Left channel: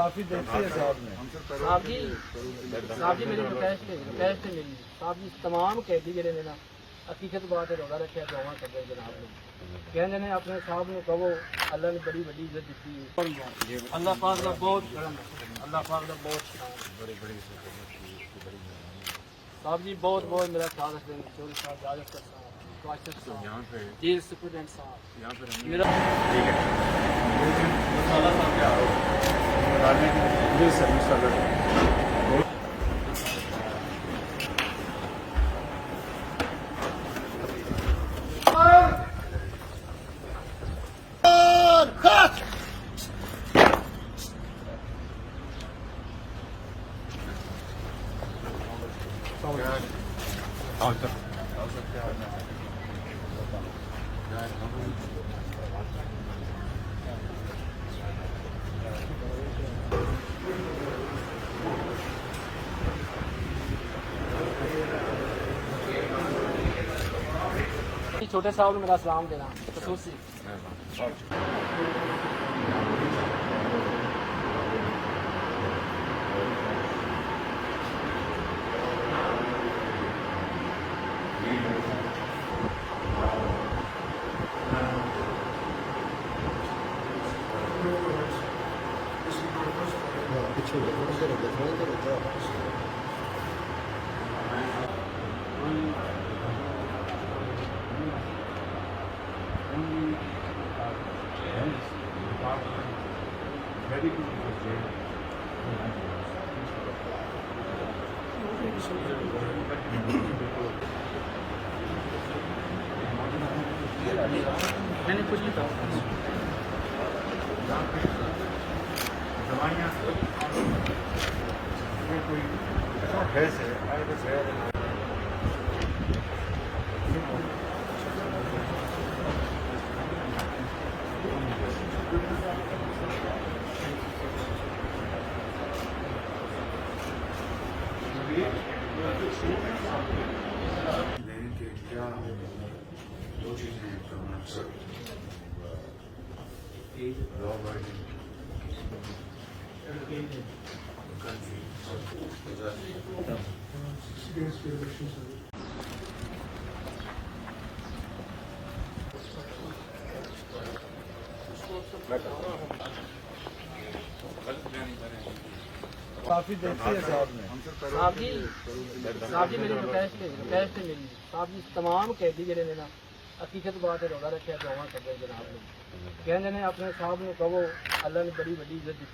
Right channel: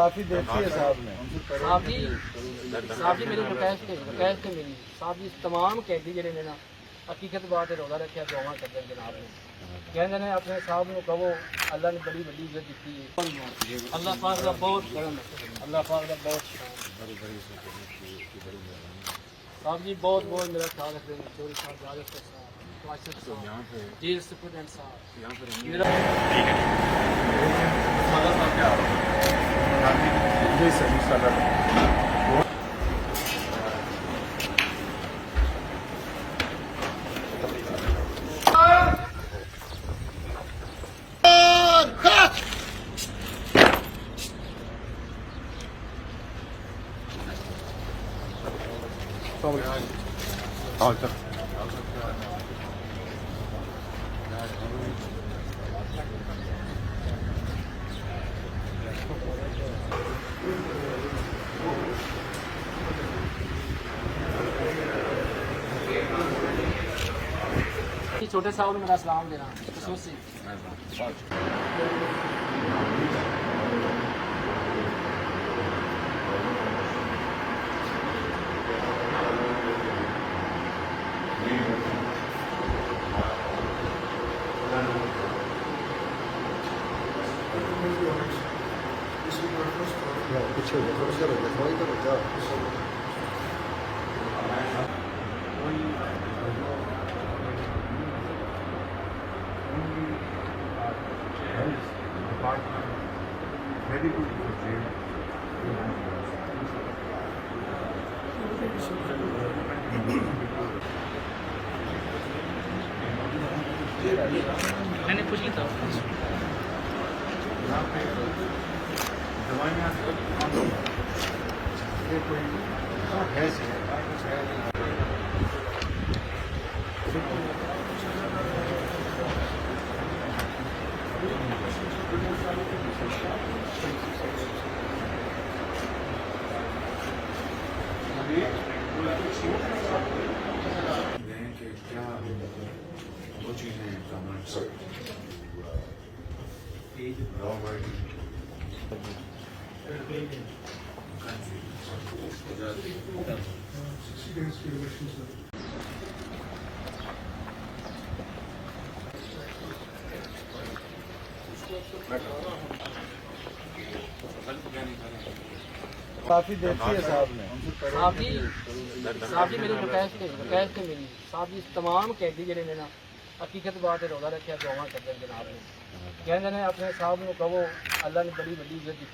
काफी देखी है साहब ने। साहब जी मेरी रिक्वेस्ट है मेरी साहब जी तमाम कैदी जेडे ने ना हकीकत बात रोजा रखा दुआ कर दे जनाब ने कहते ने अपने साहब ने कहो अल्लाह ने बड़ी बड़ी इज्जत दी है। अल्लाह पाक का बहुत करम है, अल्लाह पाक का बहुत साहब जी बहुत बहुत मेरा ख्याल रख रहे हैं। थोड़ी सा इजाजत का जेल सुपरडेंट साहब यहाँ पे छोटे साहब ने मेरा सलाम देना खसूसी पीछे हो गया थोड़ा इधर हो गया थोड़ा इधर हो जा very good मैंने कुछ नहीं कहा दवाइयाँ कोई है से कुछ है कि क्या दो चीजें हैं काफी देखी है साहब ने। साहब जी मेरी रिक्वेस्ट है मेरी साहब जी तमाम कैदी जेडे ने ना हकीकत बात रोजा रखा दुआ कर दे जनाब ने कहते ने अपने साहब ने कहो अल्लाह ने बड़ी बड़ी इज्जत दी